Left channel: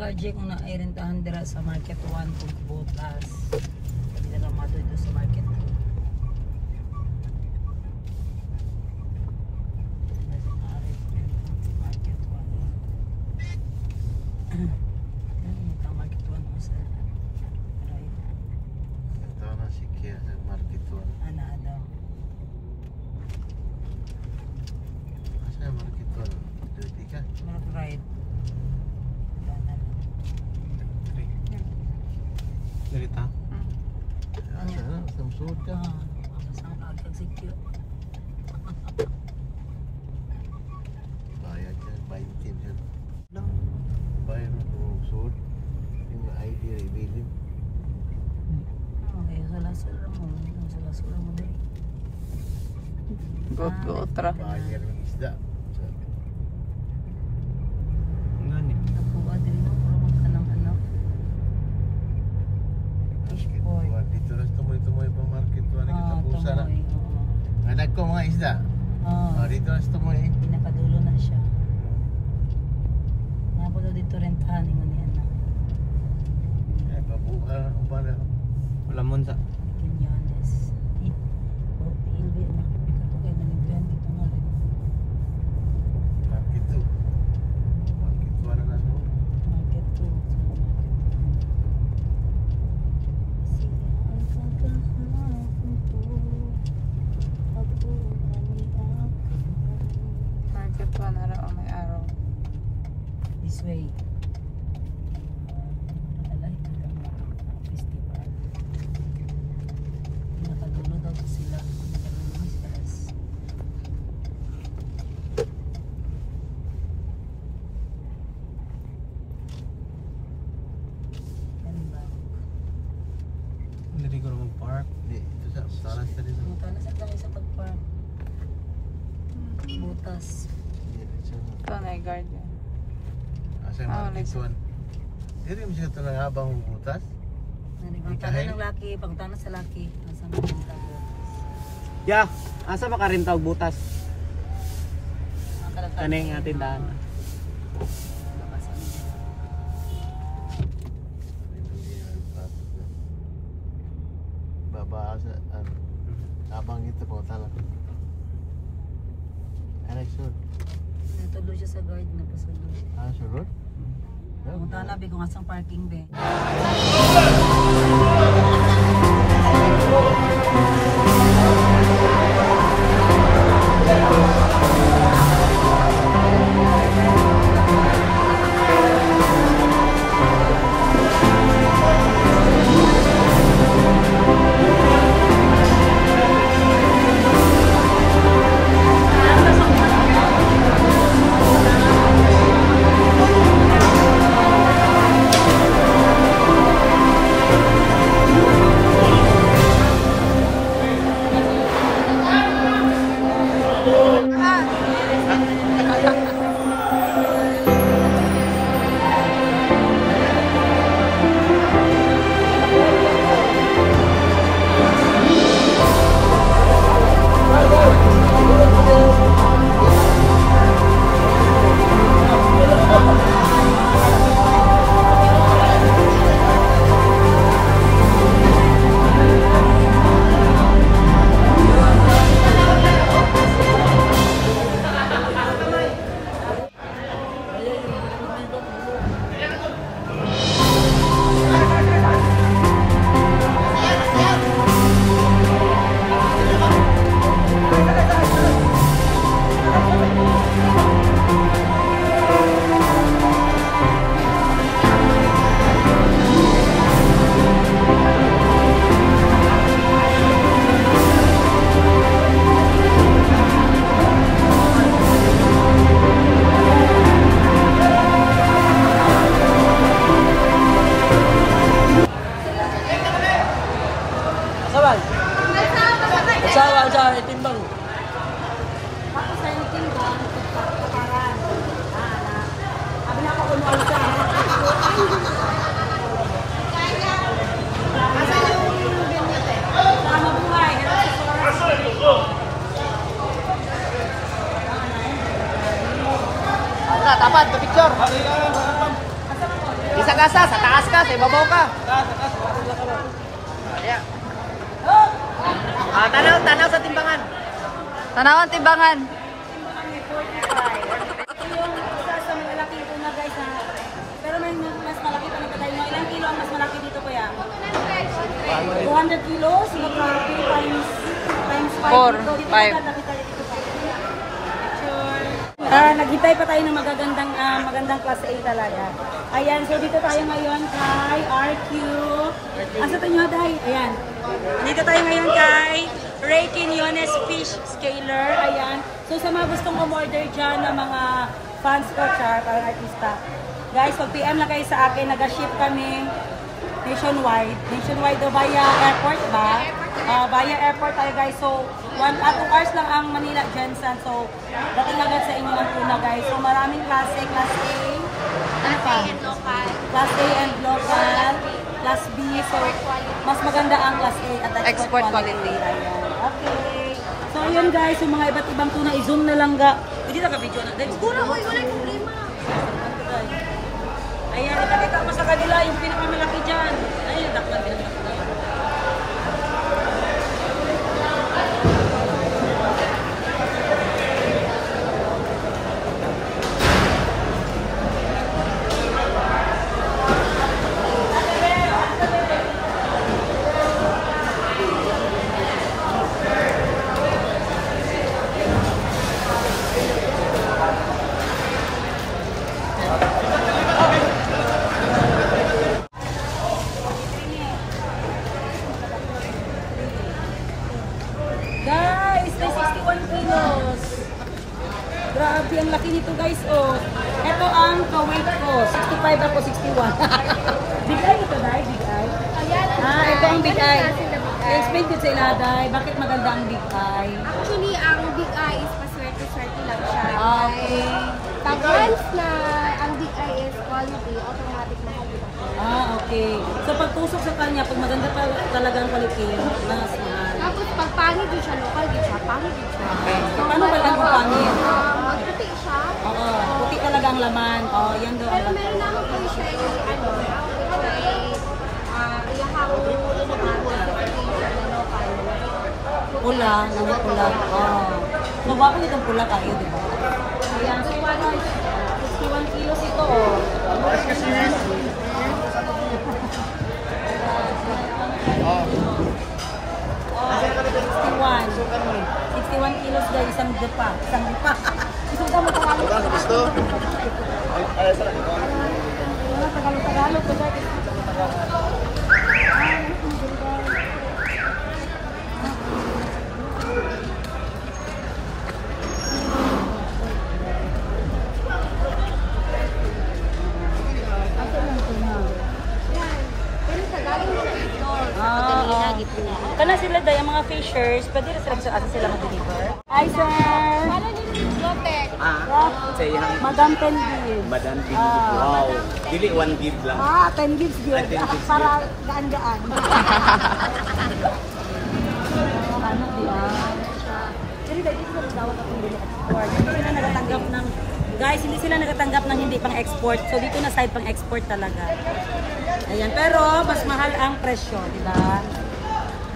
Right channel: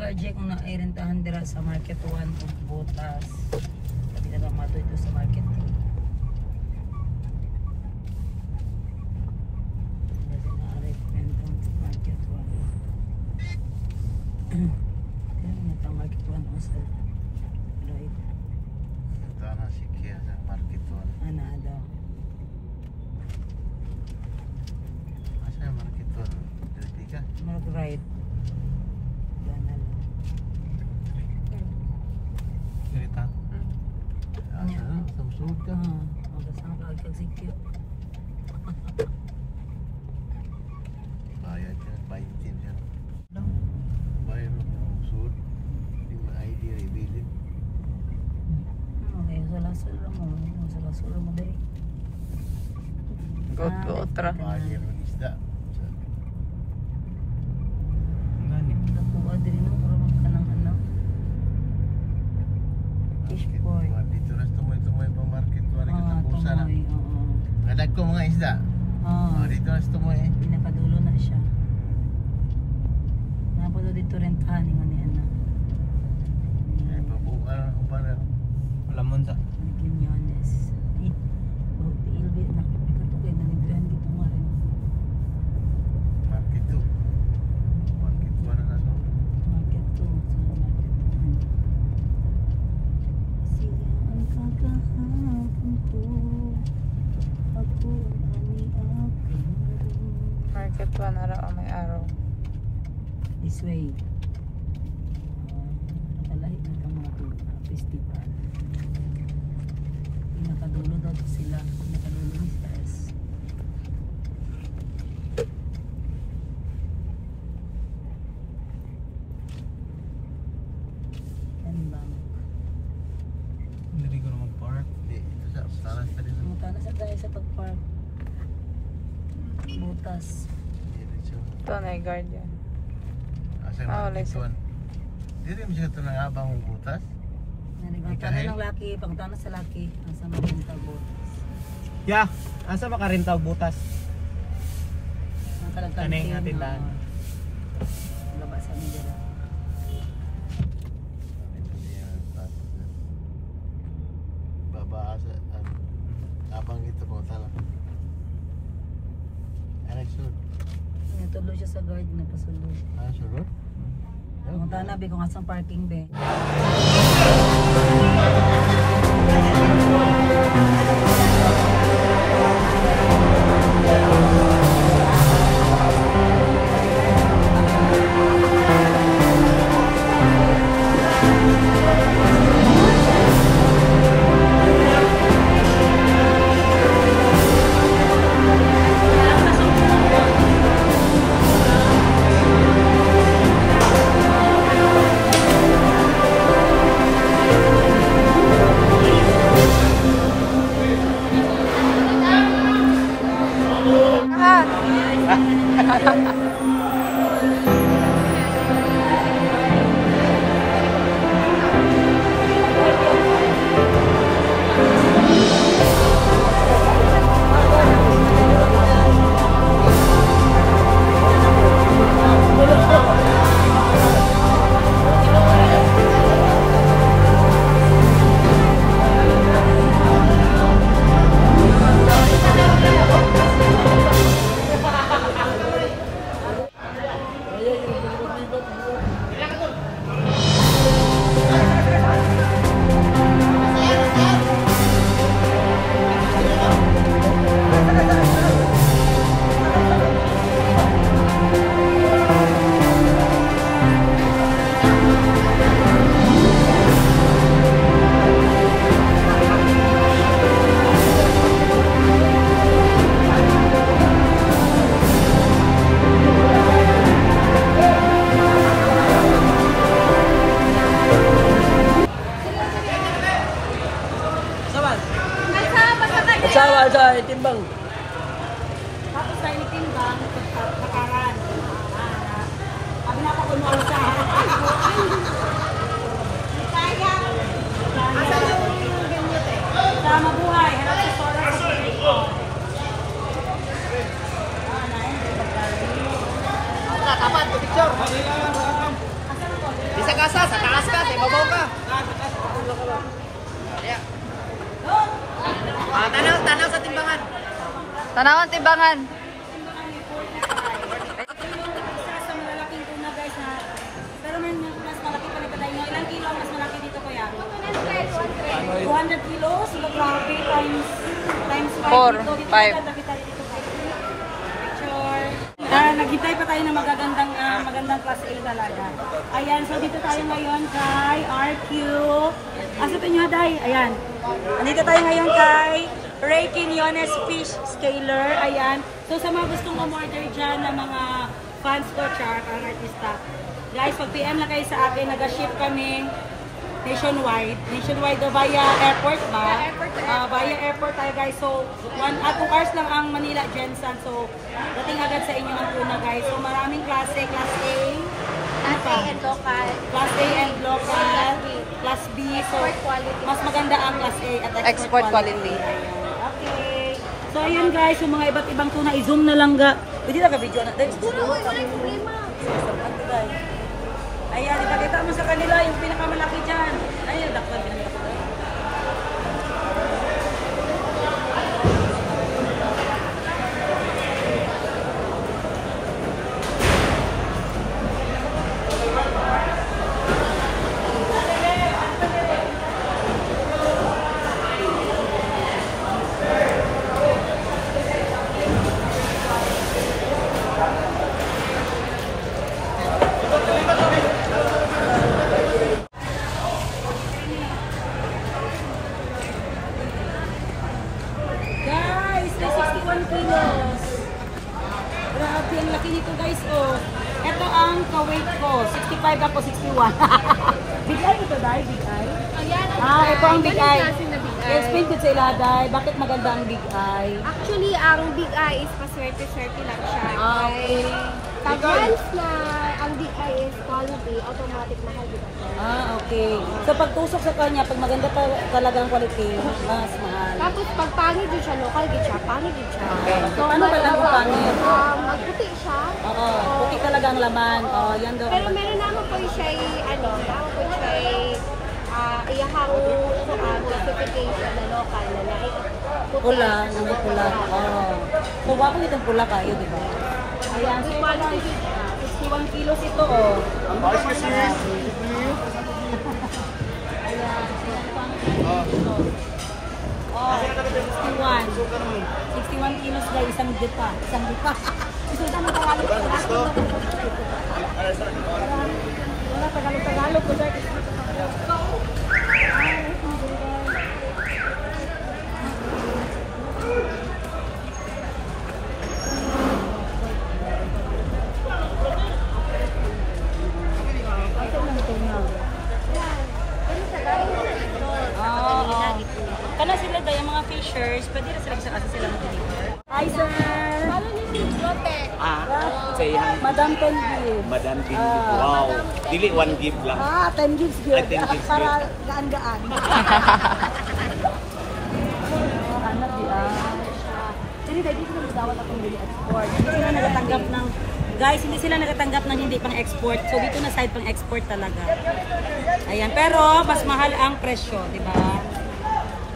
project na irentahan dira sa Market 1 kung butas. Sabi na lang mato ito sa Market 2. Right. Cerita? Samsud ka. Basang agad sikyo. Bayad dyan, bayad team dyan. Bayad mo sud. Yung idea ibilin. Okay, salasala mo. Salasala mo dahil. Go tra. Bayad ng isda. Nagko mga isda. Dito na ito mo Pinakadulo na siya. Napulo dito rin tani mo niya na. Babuka ang para. Lamon sa. Quinones. Ilbi na. Ikatugay na librihan dito mo. Market 2. Market 1 na naso. Market 2. Market 1 araw may araw. This way. Alay na ka mga festival. Pinakadulo daw sila. Pinakadulo ng stress. Yan lang. Hindi ko naman park. Ito sa salas sa dito. Magkano sa tayo sa pag-park? Butas. Ito na guard yan. Asa wala market isa. 1. Dili mo siya tanang habang butas. Pagtana ng laki, pagtana sa laki. Nasa mga tabo. Ya, asa makarintaw butas? Kaning tindahan. Baba sa Mindera. Baba sa abang ito pang tala. Alex Road. Natuloy siya sa guard na pasunod. Road? Kung tanabi kung asang parking be. Tanawan timbangan. Ito yung isa sa malalaking tuna guys ha. Pero may mas malaki pa nito tayo. Ilang kilo ang mas malaki dito kuya? 200 kilos. So grabe times 5. 4, 5. Naghintay pa tayo ng magandang class A talaga. Ayan, so dito tayo ngayon kay RQ. Asa tayo nga day? Ayan. Nandito tayo ngayon kay Ray Quinones Fish Scaler. Ayan. So sa mga gustong umorder dyan na mga fans ko, char, ang artista. Guys, pag-PM lang kayo sa akin, nag-ship kami nationwide. Nationwide o via airport ba? Via airport tayo guys. So, 2 hours lang ang Manila Jensen. So, dating agad sa inyo ang tuna guys. So, maraming klase. Class A. Ano pa? Class A and local. Class B. So, mas maganda ang Class A at export quality. Ayan. Okay. So, ayun guys. Yung mga iba't ibang tuna, i-zoom na lang ga. Pwede na ka-video na. Let's go. Ayan, nakita mo sa kanila yung pinakamalaki dyan. Ayan, nakuha din. Guys, may 61 kilos. Grabe, ang laki nito guys, oh. Ito ang ka-weight ko. 65 ako, 61. Big eye ito, Day? Big eye? Ito ang big eye. Explain ko sa ila, Day. Bakit maganda ang big eye? Actually, ang big eye is paswerte-swerte lang siya. Okay. Pag once na ang big eye is quality, automatic mahal din ako. Okay. So pag tusok sa kanya, pag maganda pa talaga ang quality, mas mahal. Tapos pag pangit din siya, local din siya, pangit din siya. Okay. So ano ba ang pangit? Magputi siya. Oo. Puti talaga ang laman. Oh, yan doon. Pero meron naman po siya naman po siya iyahang classification na local na Pula, na may pula. Oh. So, wapo itong pula kayo, di ba? Ayan, so ito guys, 61 kilos ito, oh. Oh, 61 kilos guys, isang dipa. Isuda mo Tagalog. Wala, Tagalog ko guys. Kana sila dahil mga fishers, pwede na sila sa asa sila mag-deliver. Hi sir! Say hi. Madam 10 gives. Madam Pili. Wow. Dili 1 gift lang. 10 gives good. 10 gives Para gaan-gaan. Anak dia. Hindi sila nagatanggap ng guys, hindi sila nagatanggap ng hindi pang export. So dito na side pang export talaga. Ayan, pero mas mahal ang presyo, di ba?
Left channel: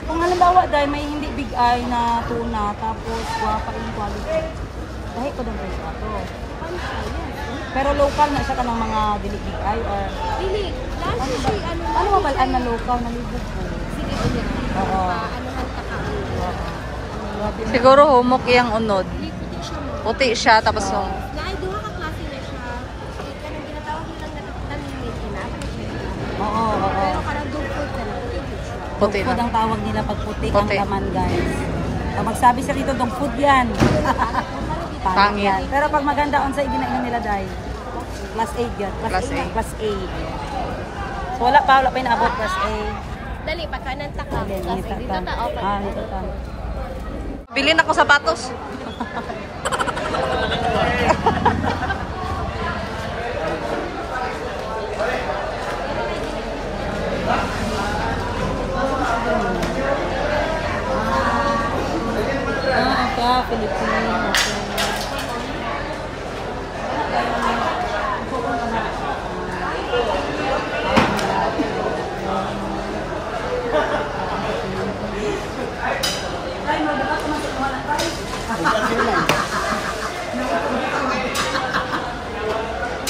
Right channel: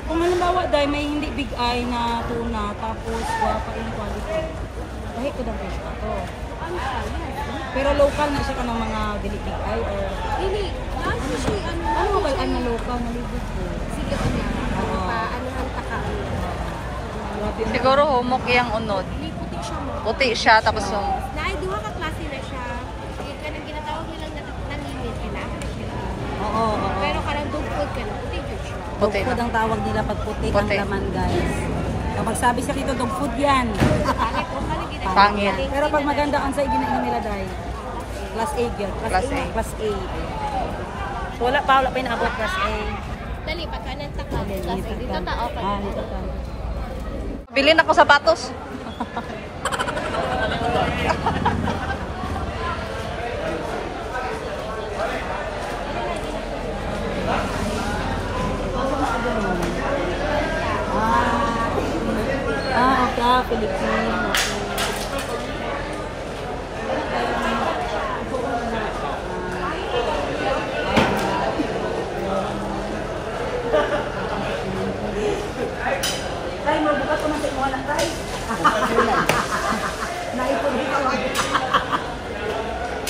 Kung halimbawa dahil may hindi big eye na tuna, tapos guwapa yung quality. Ay, ito daw presyo ito. Pero local na siya ka ng mga dili big eye or... Hindi. Ano ba? Ano mabalaan na local na libog ko? Sige, ano. Oo. Paanuhan ka ka. Oo. Grabe mo. Siguro humok iyang unod. Hindi puti siya mo. Puti siya tapos yung Duha ka klase na siya. Kanang ginatawag nilang nanimit ka na. Ano siya? Oo. Pero karang dog food ka na. Puti din siya. puti Dog food na. ang tawag nila pag puti ang Puti. laman guys. Kapag sabi sa rito, dog food yan. Pangit mo ka na Pangit. yan. Pero pag maganda on sa ginainom nila dahil. Class A yun. Class A. Class A. So, wala pa inaabot class A. Dali, pagkanan ta ka. Kasi dito ta open. Dito ta. Bilhin ako sapatos. Philippines. Ay, mo bukas ko man sa mga tayo.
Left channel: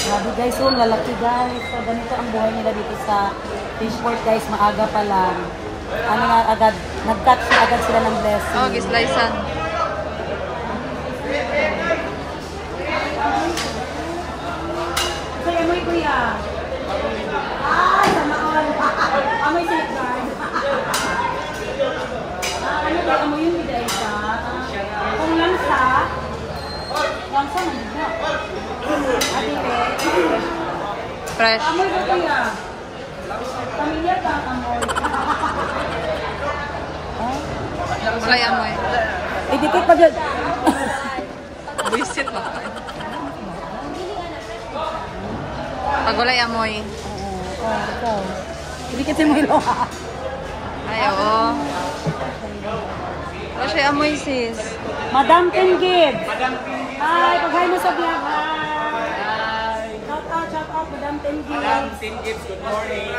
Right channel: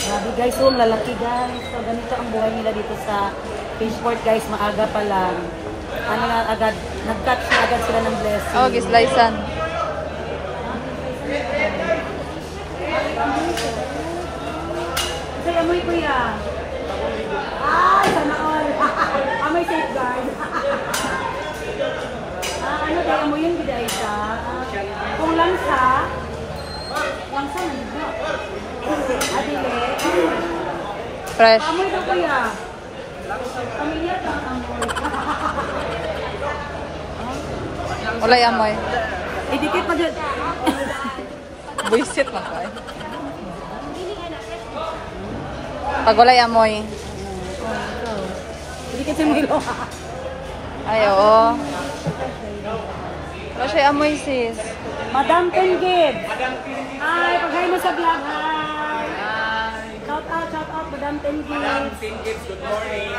Grabe guys, so lalaki guys. So ganito ang buhay nila dito sa Fishport guys, maaga pa lang. Ano nga agad, nag-catch na agad sila ng blessing. Oh, gislaisan. Kaya amoy kuya. Ay, sana all. Amoy safeguard. Ano ba, amoy yung bigay sa? Kung langsa man ba? Adile. Fresh. Amoy ba kuya? Pamilya ka ang amoy. Walay amoy. Idikit na dyan. Buisit na ka. Pag walay amoy. Idikit si Milo. Ay, oo. Wala siya amoy, sis. Madam Tim Gibbs. Ay, pag-hi mo sa vlog. Hi. Shout out, Madam Tim Gibbs. Team Gibbs, good morning.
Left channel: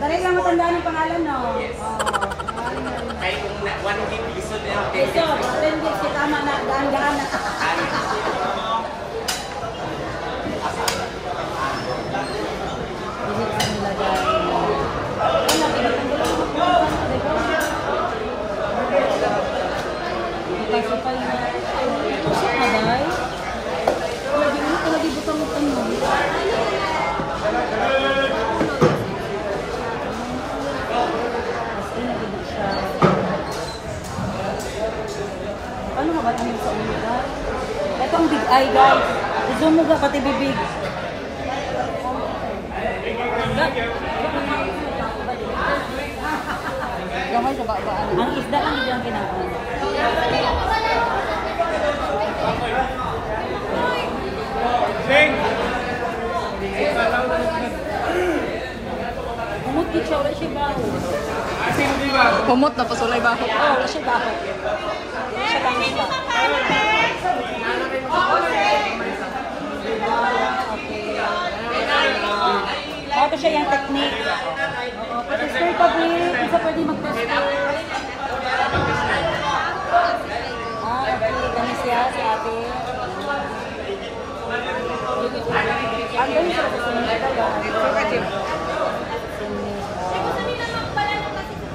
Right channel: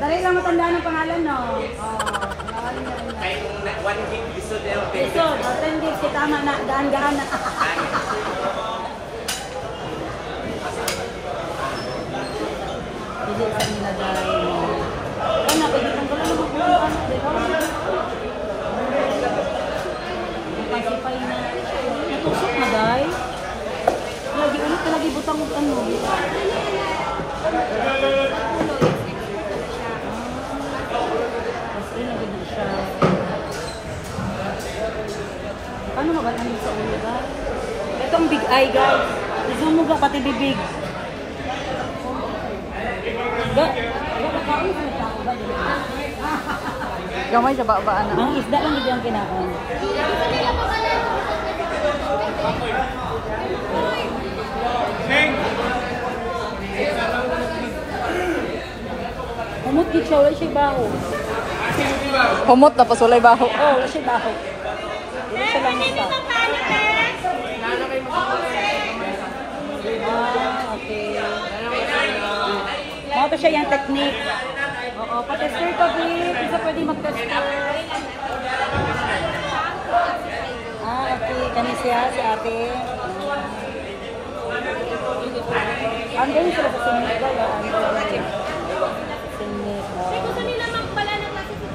Dali lang matandaan ang pangalan, no? Ay, kung 1 gig, lisod na 10 Ito, 10 gigs, tama na, daan-daan na. Lagi butang-butang mo. Paano mo ba namin sa ulo ka? Ito ang big eye guys. Zoom mo ka pati bibig. Gamay sa babaan na. Ang isda lang hindi ang kinakain. Kamot kit siya, wala siya baho. Humot na pasulay baho. Wala siya baho. Ito siya yung technique. Oo, pa-tester ka, Brit. Isa pwede mag-tester. Okay. Kani siya, sabi. Ang galing siya.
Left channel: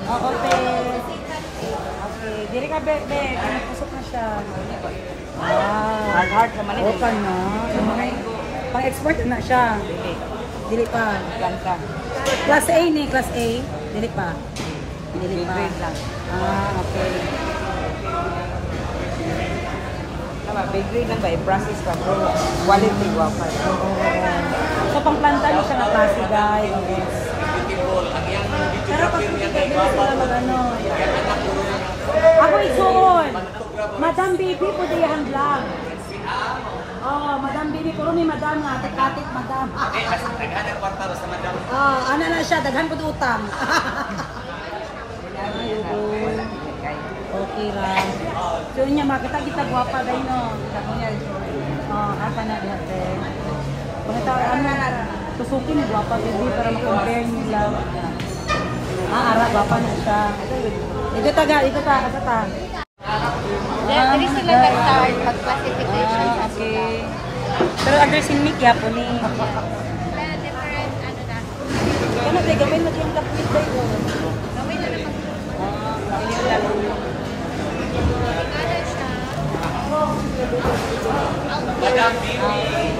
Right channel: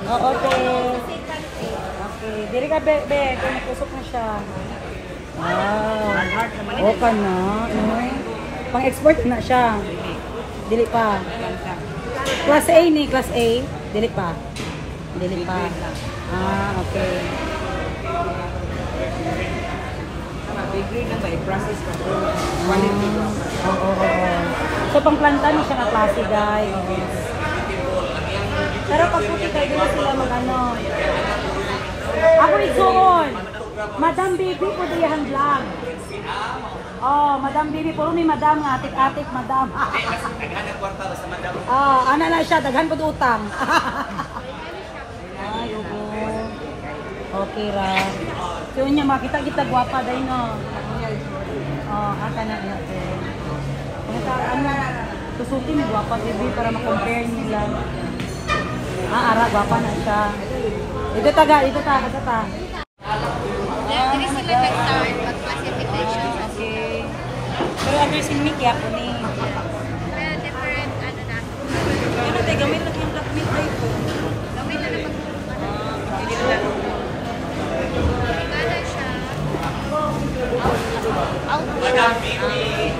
Oo, okay. Okay. Diri ka, bebe. Pinapusok na siya. Wow. Hard naman Oo ka na. Pang-export na siya. Dili pa. Class A ni, class A. Dili pa. Dili pa. Okay. Big grade lang ba? I-process ka. Quality ko. So, pang-planta na siya na klase, guys. Pero pag pwede na sila mag-ano. Ako isuon. Madam Bibi po diyan vlog. Oh, Madam Bibi puro ni Madam atik-atik Madam. Oh, ano na siya daghan ko utang. Ay, ubo. Okay ra. So niya makita kita gwapa dai no. Oh, aka na dito. Pagka ano tusukin ni gwapa Bibi para ma-compare nila. Ara gwapa na siya. Ito ta, asa ta. Dili sila nag-start mag-classification. Okay. Pero addressing me kaya po ni. Ano tayo gawin na TikTok video?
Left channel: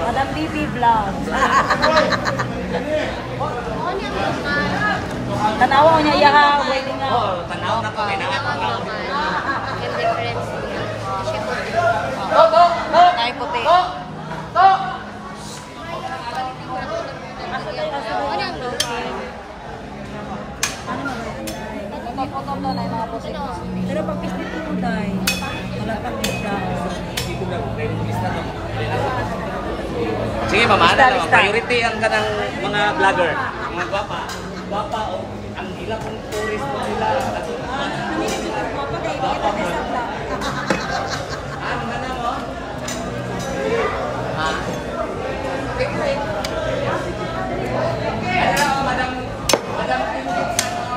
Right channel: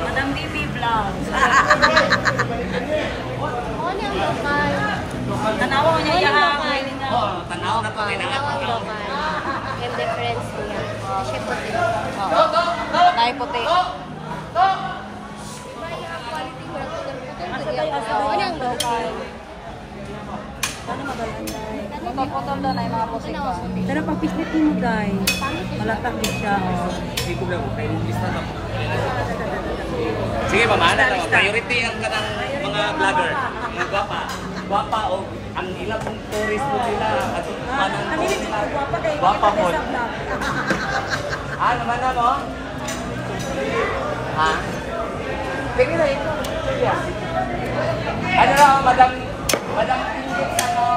Madam Bibi vlog. Tanawa ko niya iya wait na. Tanaw na pa. Ay, puti. Pagpapotol doon ay mga puti ka. Pero pag pislit mo dai, malatang din siya. Sige pa, man. Priority ang kanang mga vlogger. Mga gwapa. Gwapa o ang ilang tourist mo nila. Gwapa mo. Ano ba na mo? Ano na, madam tingin sa mo.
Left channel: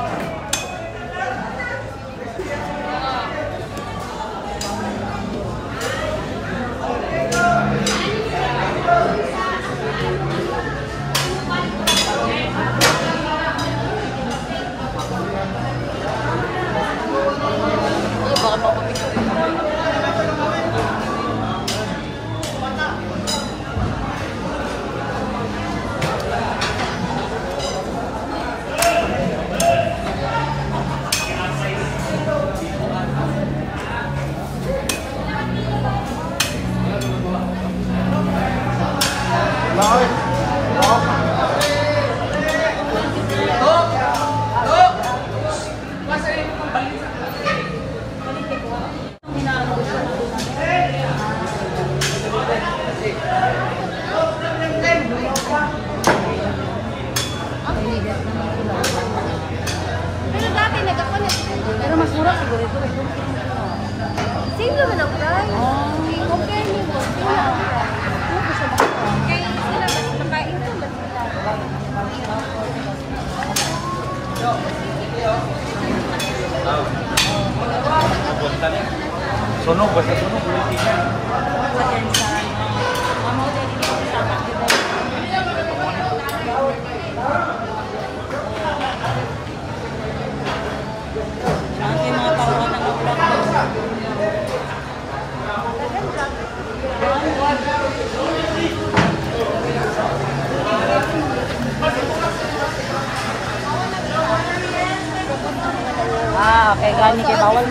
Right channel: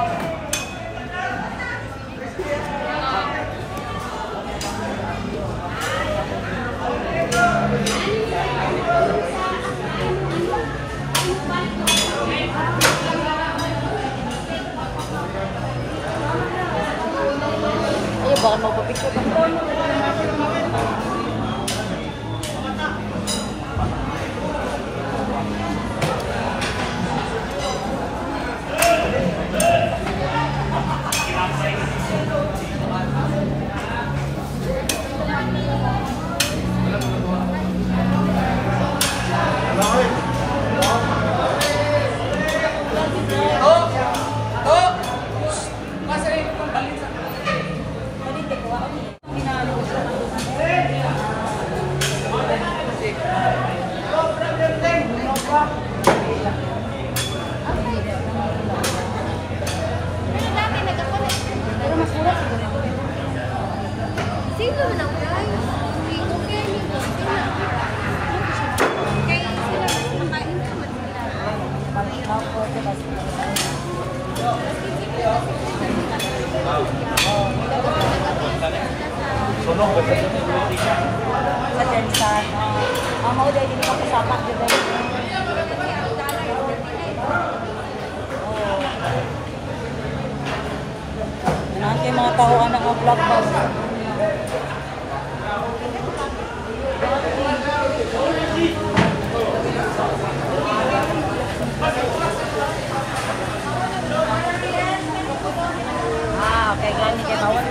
Okay, gani kay bawal.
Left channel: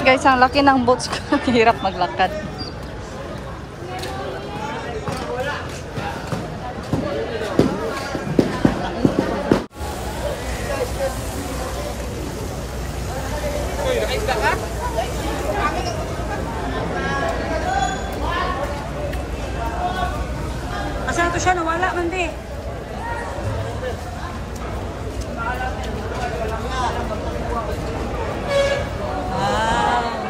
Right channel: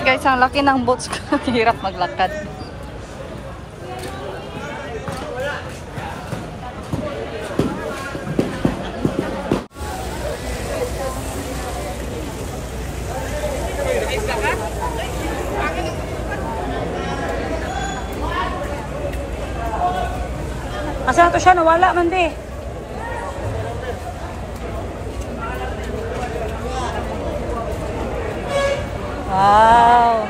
Guys, ang laki ng boots ko. Hirap maglakad. Asa na to siya? Nawala man di. Wow.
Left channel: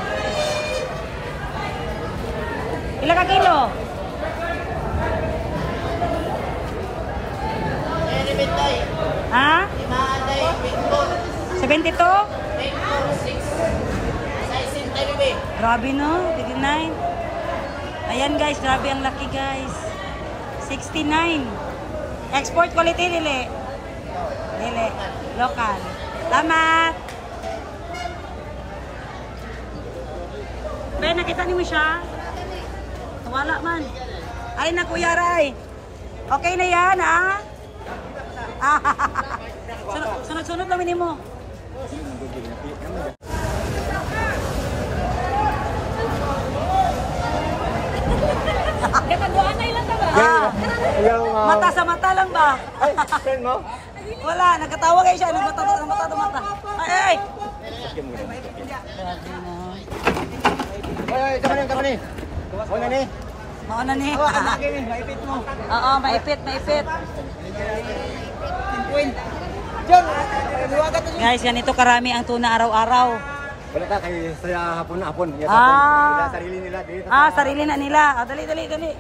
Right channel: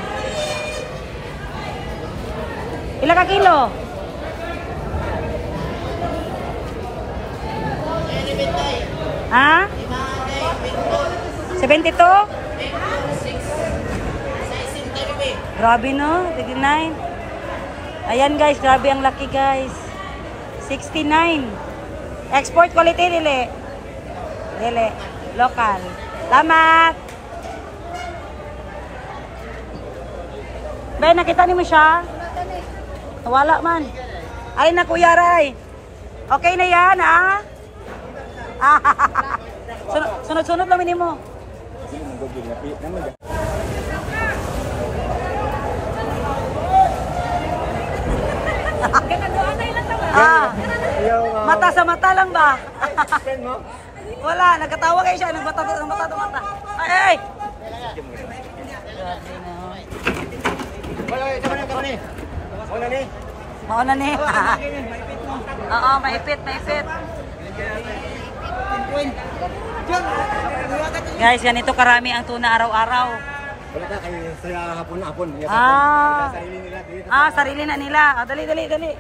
Ilan ka kilo? Ha? 72? Grabe no? 39. Ayan guys, grabe ang laki guys. 69. Export quality dili. Dili. Local. Salamat. Bay, nakita niyo mo siya? Wala man. Ay na Kuya Ray. Okay na yan, ha? Sunod-sunod lang mo. Mata sa mata lang ba? Wala, nagkatawa kayo siya. Nagmata to mata. Ay! Grabe na. Mauna ni. Oo, maipit. Guys, ganito karami ang tuna araw-araw. Wala ka kay saya hapon-hapon. Sarili nila dito. Sarili na nila. Dali.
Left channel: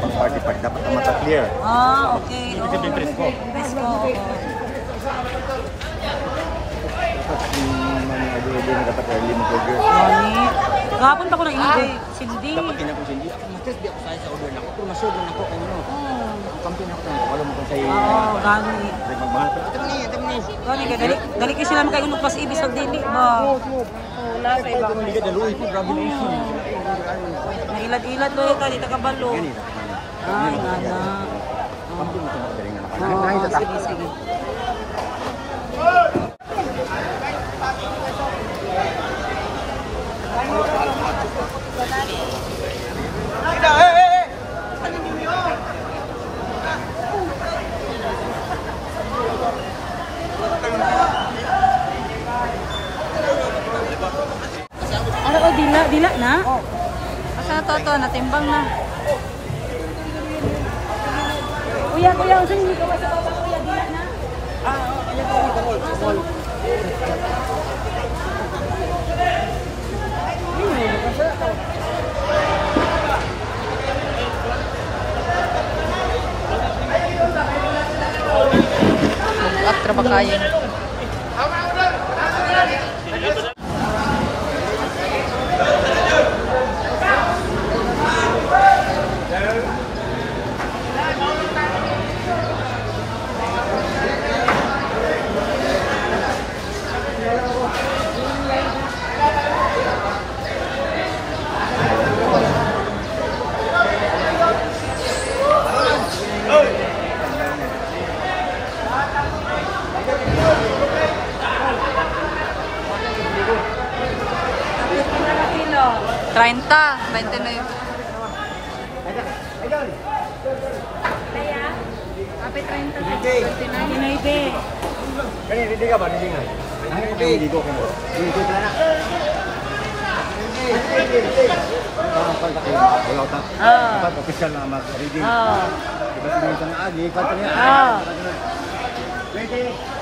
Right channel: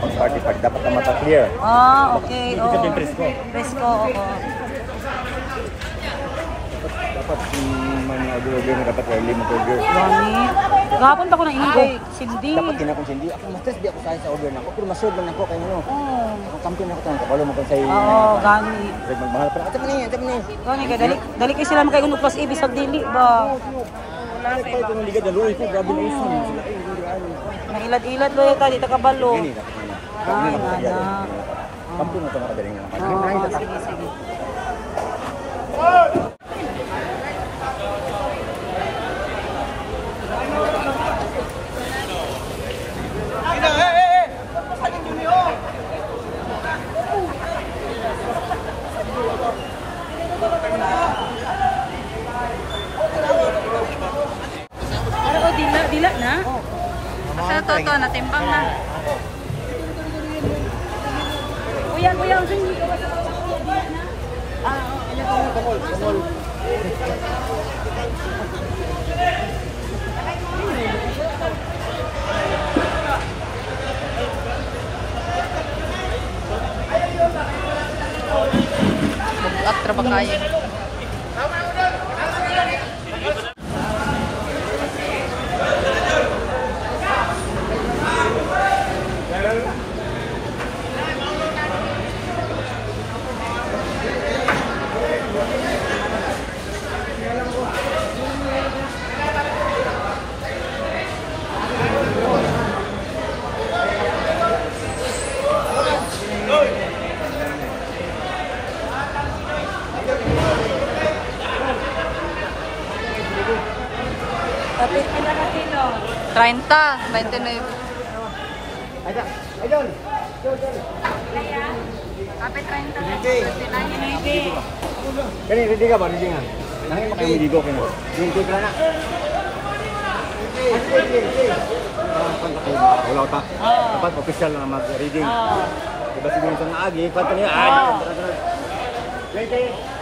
Pang party pag dapat na mata clear. Okay. Presko, oo. Dapat mga order na dapat early mag-go. Gani. Gapon pa ko nang ingo. Sindi. Dapat kinapon sindi. Ako mas di ako sa order na ako. Pero masod lang ako kung ano. Ang campaign ako kung kapalo mo kan say. Oo, gani. Magmahal pa. Ate man ni. Gani kay dali kay sila makaiunog pas ibis pag dili ba. Napay ko ng ligad luoy ko grabe na isu. Mailad-ilad lo ta dito kabalo. Ay, nana. Campaign mo tama kadali na nakita. Sige. Dila na? Asa na to? Natimbang na. Kuya, ang sini ka sa baba, kuya, dila na? Ayan ko kamol. Mag-up tra ba kayo? 29. Kape 30. 29. Kani ready ka ba? Ready nga. Ready ko kini. Ready ka na. Wala ta. Dapat official na mag-reading. Diba sige sa agi, kato niya. 20.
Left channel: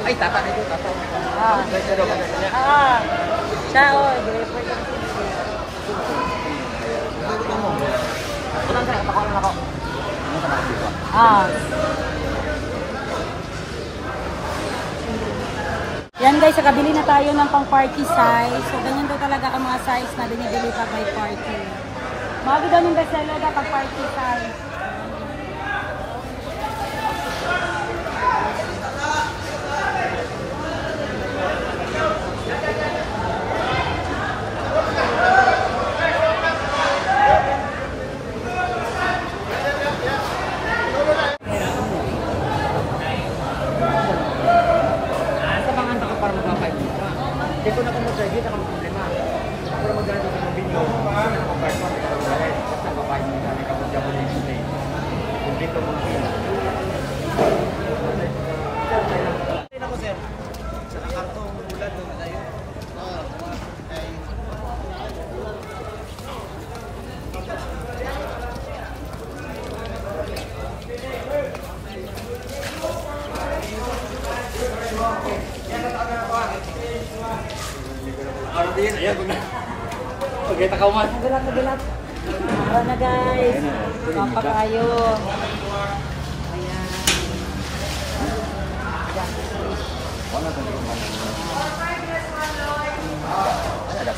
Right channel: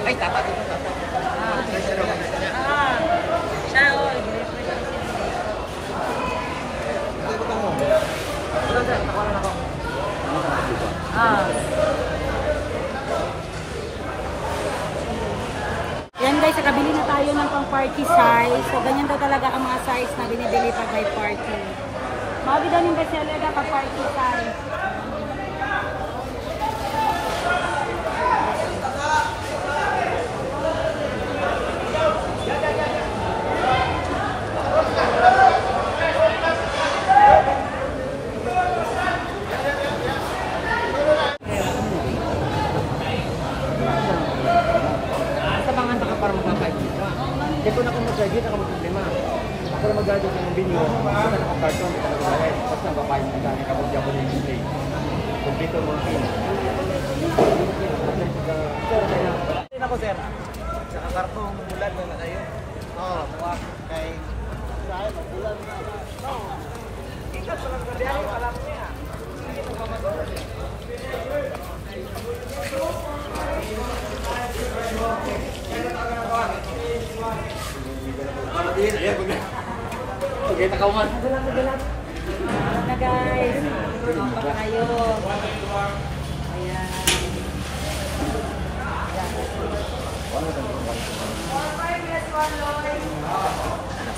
Ay, tata dito. Yan guys, nakabili na tayo ng pang party size. So ganyan daw talaga ang mga size na binibili pa by party. Magi daw yung bestseller na pag party size. Hindi ko na kung mag-graduate, ako problema. Ako na mag-graduate ng binyo. Part 1, tapos nababahin mo dami ka mag-jabo na yung play. Kumpito mo pin. Tignan ko, sir. Nakakartong bulan na tayo. Okay, takaw man. Nagulat. Tara na guys. Mapa kayo.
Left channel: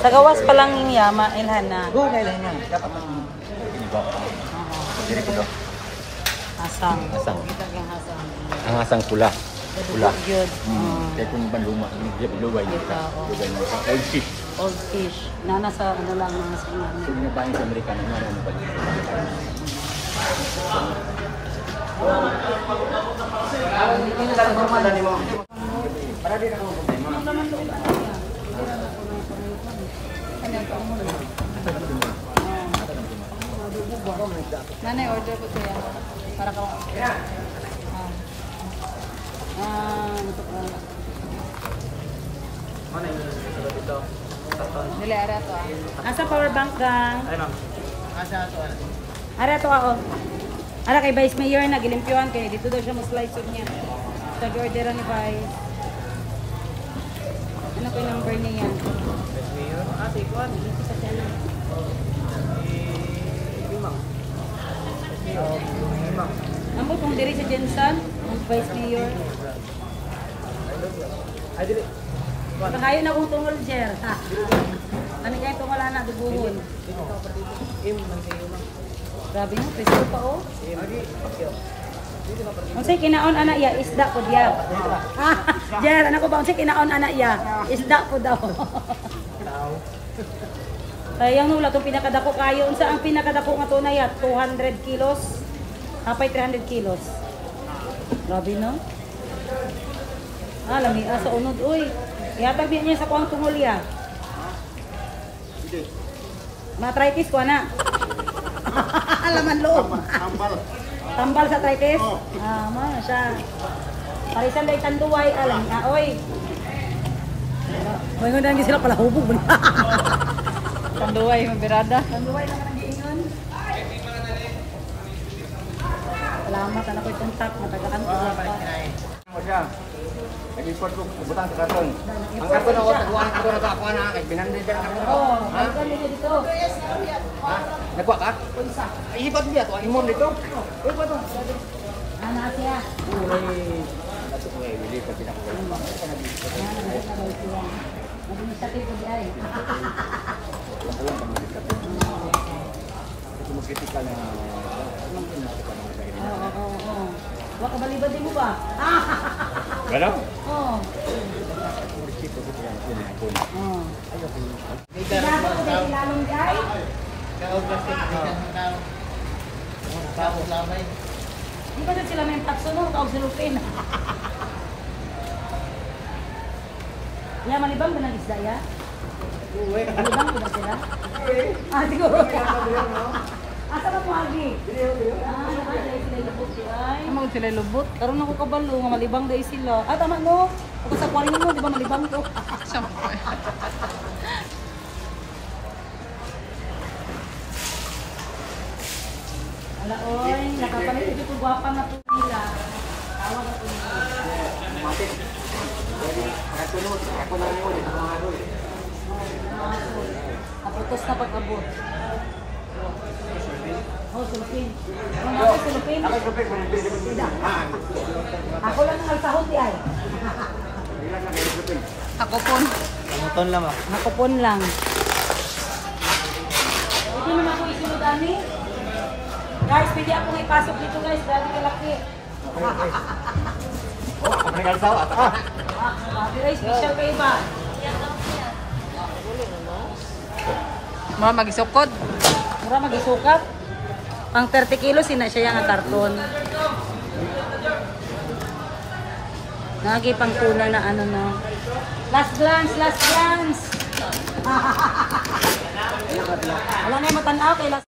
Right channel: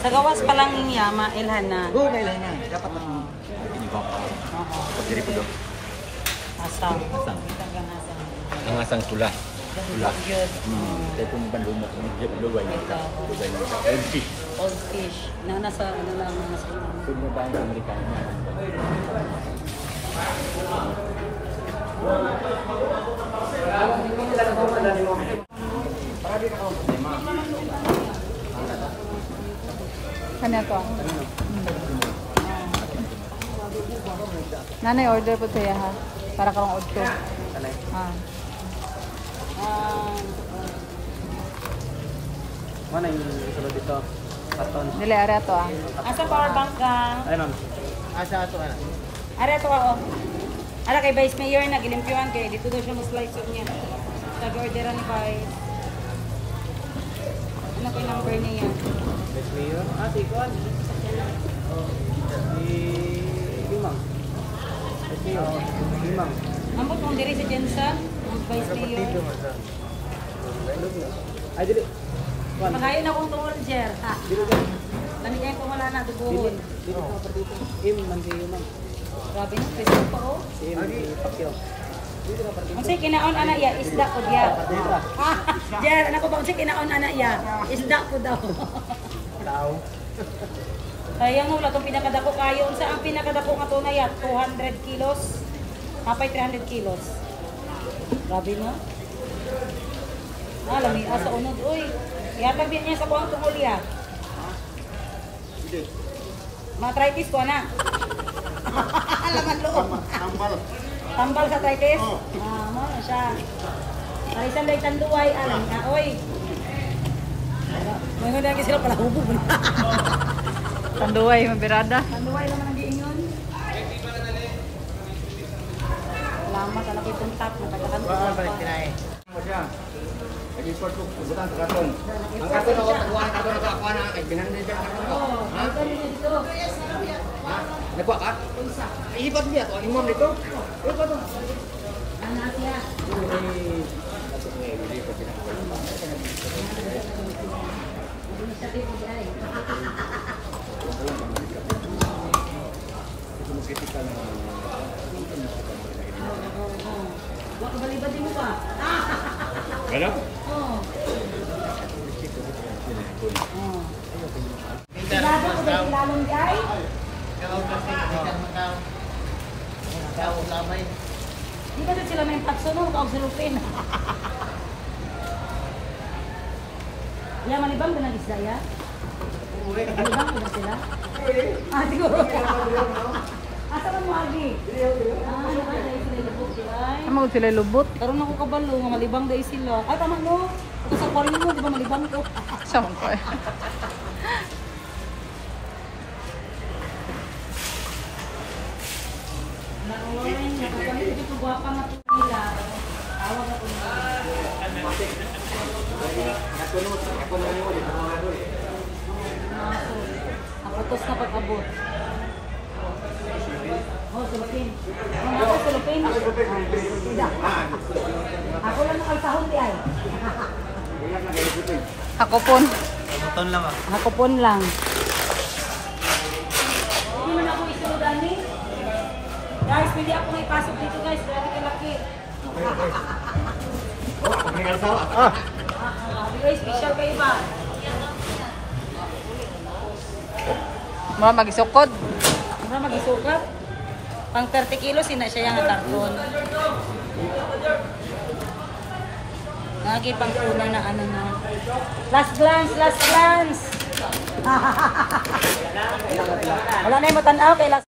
Sa gawas pa lang yung yama, ilhan na. Go na yan na. Dapat mas Asang. Asang. Ang asang. Ang asang pula. Pula. Good. Kaya kung banduma, luway na. Luway na. Old fish. Old fish. Na nasa ano lang, nasa ano. Kung nabahin sa Amerikano, ano ba? Ano to? Nanay, order po siya mo. Para kang order. Mana yung sunod dito? Karton. Dili, ara to Asa power bank gang? Ay, ma'am. Asa ito, Ara to ako. Ara kay Vice Mayor na gilimpyuhan kay dito daw siya mo-slice up niya. Nag-orderan ni Vice. Ano ko yung number niya? Best mayor. Si Kwan. Si Limang. Best mayor. Limang. Ang kung diri sa Jensen, ang Vice Mayor. Ay, dili. Magayon akong tungol, Jer. Ano kaya tumala na, dubuhon. Im, man si Imang. Grabe yung Facebook pa, oh. Im, Pakyo. Unsay kinaon ana iya isda ko diya. Jer, anak ko ba unsay kinaon ana iya? Isda ko daw. Sayang mo lang itong pinakadako kayo. Unsa ang pinakadako nga tunay at 200 kilos. Kapay 300 kilos. Grabe no? Lami sa unod uy. Ihatag niya sa kuwang tumulya. Matritis ko na. Alaman loob. Tambal sa arthritis? Ah, siya. Parisan day tanduay, alam na, oy. May nga sila pala hubog mo na. Tanduay, mabirada. Tanduay naman din yun. Salamat, alam ko itong top na tagakan ko. Balik kinain. Mo siya. Nag-import ko, butang sa karton. Ang karton ako, nakuha na karton ako na. Kay binanday siya ang karton ako. Oo, ang kami dito. Ha? Nagkuha ka? Iipat niya to, ang imon dito. Iipat to. Anak siya. Hindi ko pinakawa. Administrative po diya eh. Ito mag-critical na Oo. Wala ka balibad din mo ba? Wala? Oo. Silado ko dahil silalong kay? Di ba doon sila may patsunod o silupin? Ya, malibang ba ng isda ya? Malibang ba sila? Ah, siguro. Asa ka mo, Agi? Nakadahil sila lubot ay. Ano sila lubot? Karoon ako kabalo, nga malibang dahil sila. Ah, tama no? Ito sa aquarium mo, di ba malibang to? Sama ko eh. Ala, oy, nakabalik ito yung guwapa na po nila. Tawag ako nila. Ako na niyo ulit, mga huli. Masol. Naputos na pag-abot. Oh, sulupin. Oh, nasa sulupin. Ako lang nakalsahon di ay. Hakopon. Nakupon lang. Hindi mo na ako isunod, Ani. Guys, pwede akong ipasok dito guys. Dahil kalaki. Oh, ako may kalsaw. Pero special kayo ba? Mura magisukod. Mura mag-isuka. Pang 30 kilos, sina siya yung karton. Nagipang tuna na ano no. Last glance, last glance. Wala na yung matanaw kay last